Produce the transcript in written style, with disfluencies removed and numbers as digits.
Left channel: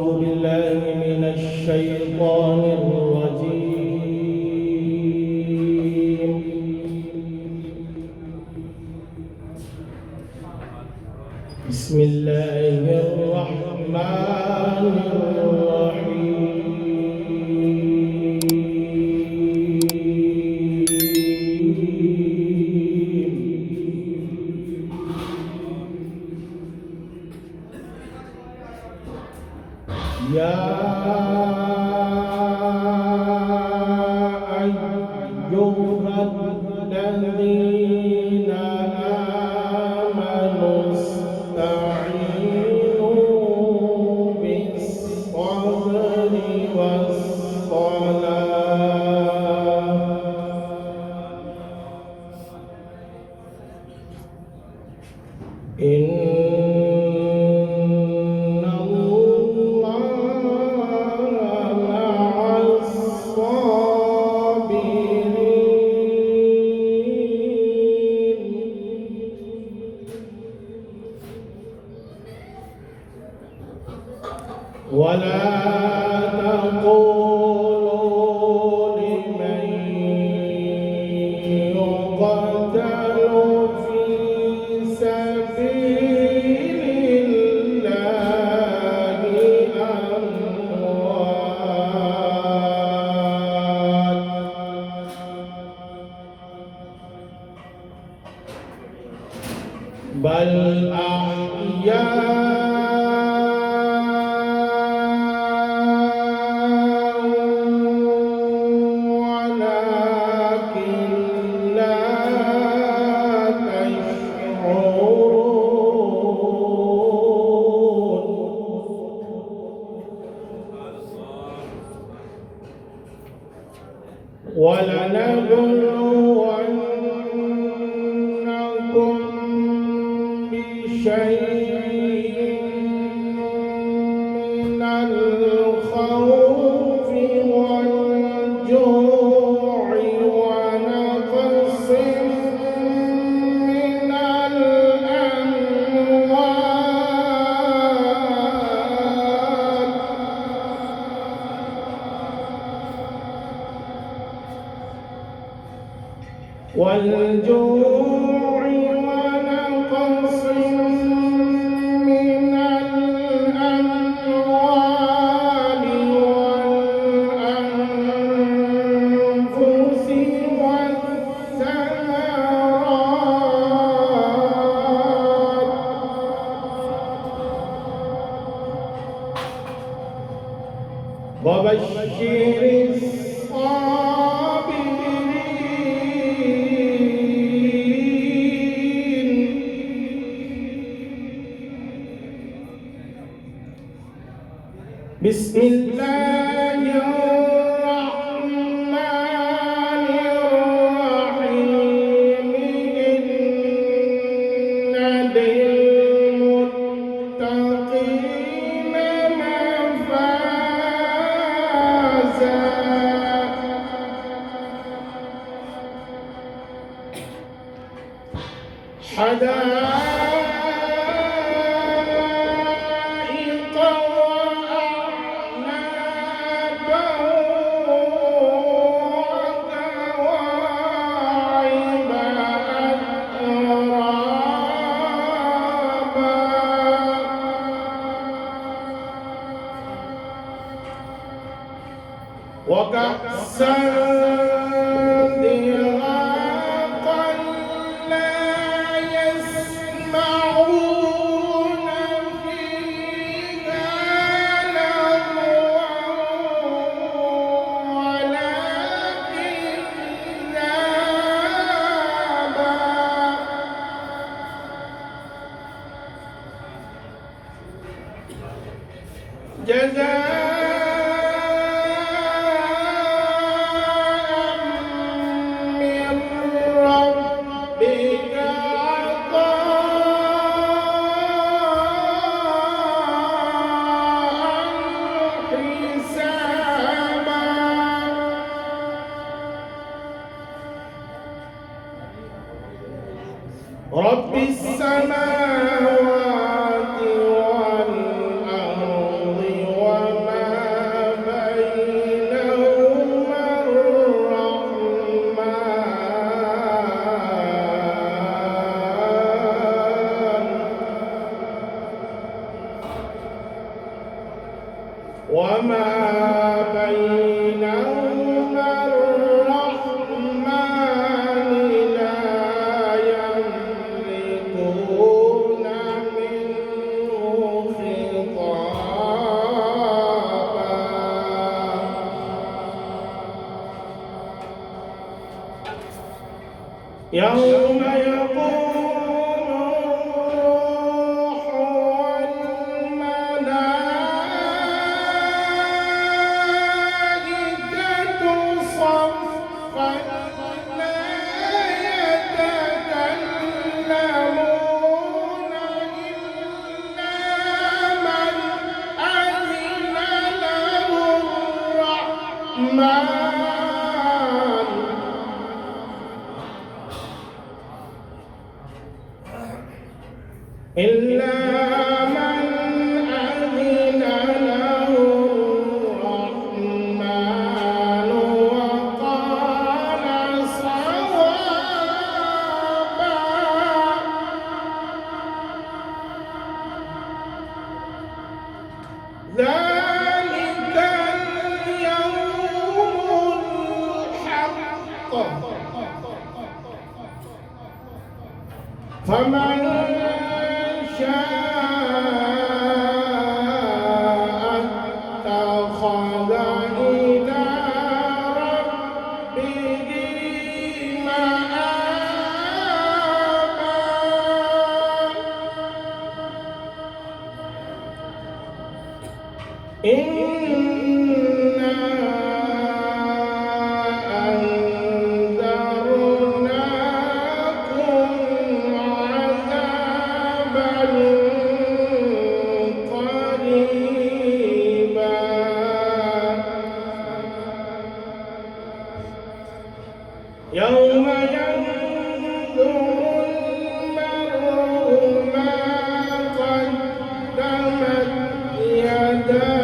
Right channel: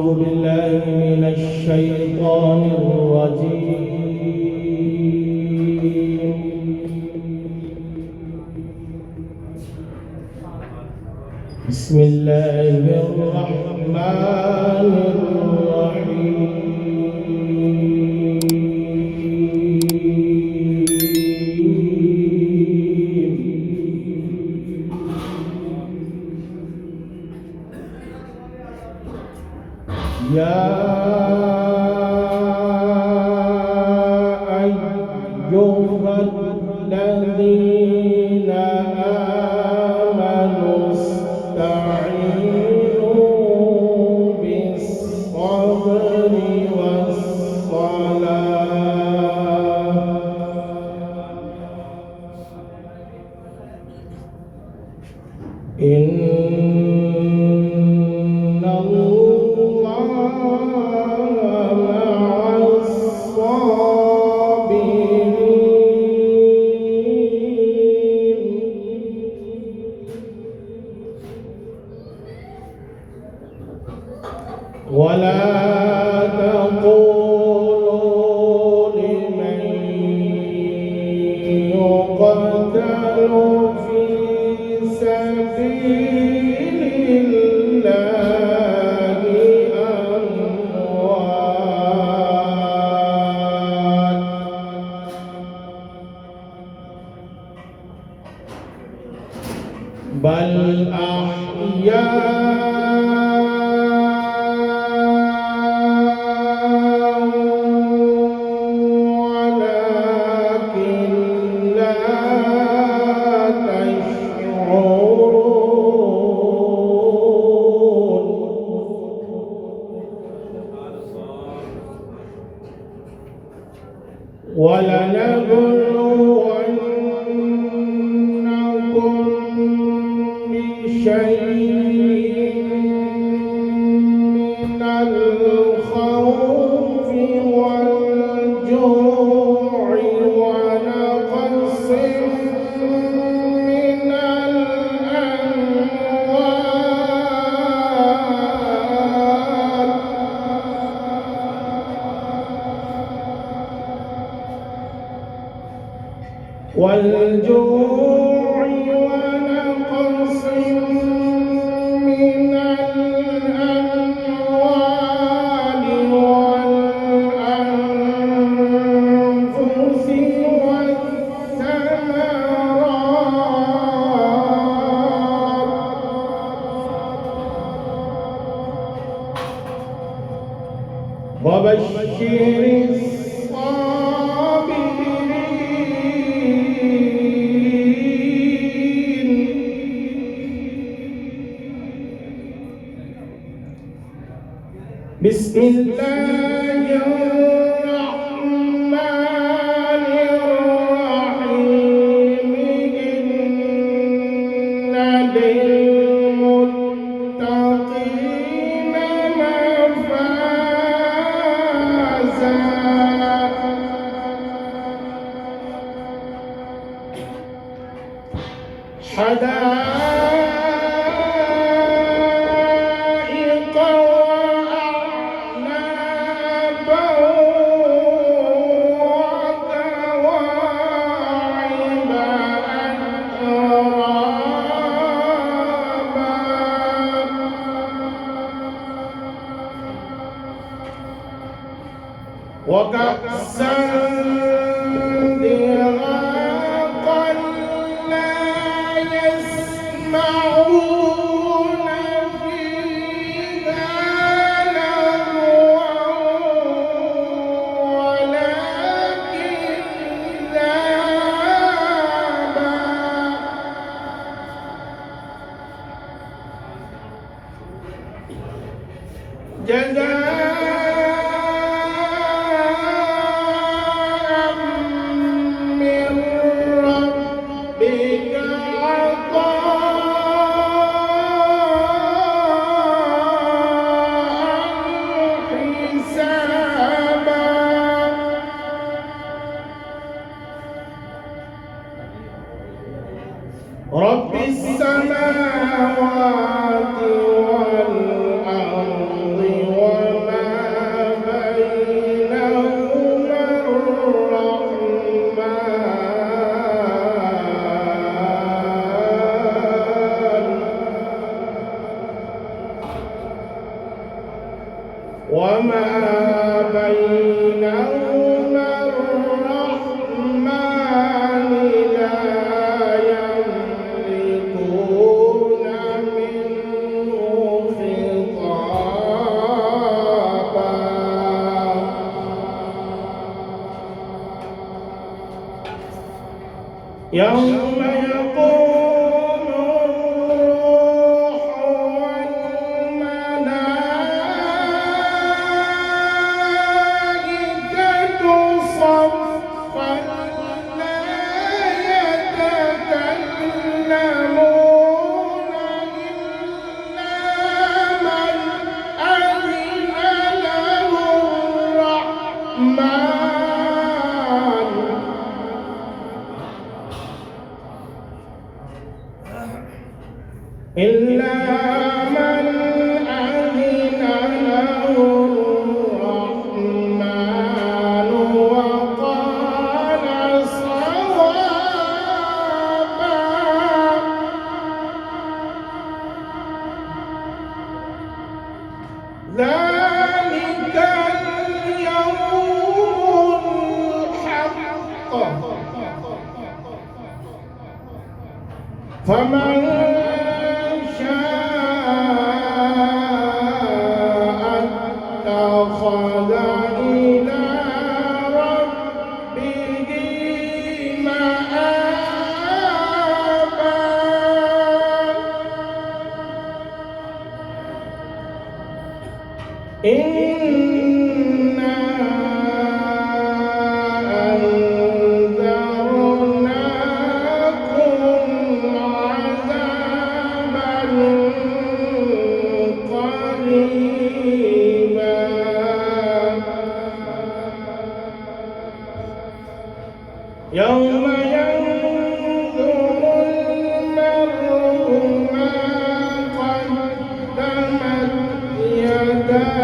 أعوذ بالله من الشيطان الرجيم. بسم الله الرحمن الرحيم. يا أيها الذين آمنوا استعينوا بالصبر والصلاة إن ولا تقولوا لمن يقتل في سبيل الله أموات بل أحياء ولنبلونكم بشيء من الخوف والجوع ونقص من الأموال والجوع ونقص من الأموال والأنفس والثمرات وبشر بسم الله الرحمن الرحيم إن للمتقين مفازا حدائق وأعنابا وكواعب أترابا وكأسا دهاقا لا يسمعون فيها لغوا ولا كذابا جزاء من ربك عطاء حسابا رب السماوات والأرض وما بينهما الرحمن لا يملكون منه خطابا يوم يقوم الروح والملائكة صفا لا يتكلمون إلا من أذن له الرحمن إلا من أذن له الرحمن وقال صوابا ذلك اليوم الحق فمن اتخذ إلى ربه مآبا إنا أنذرناكم عذابا قريبا يوم ينظر المرء ما قدمت يداه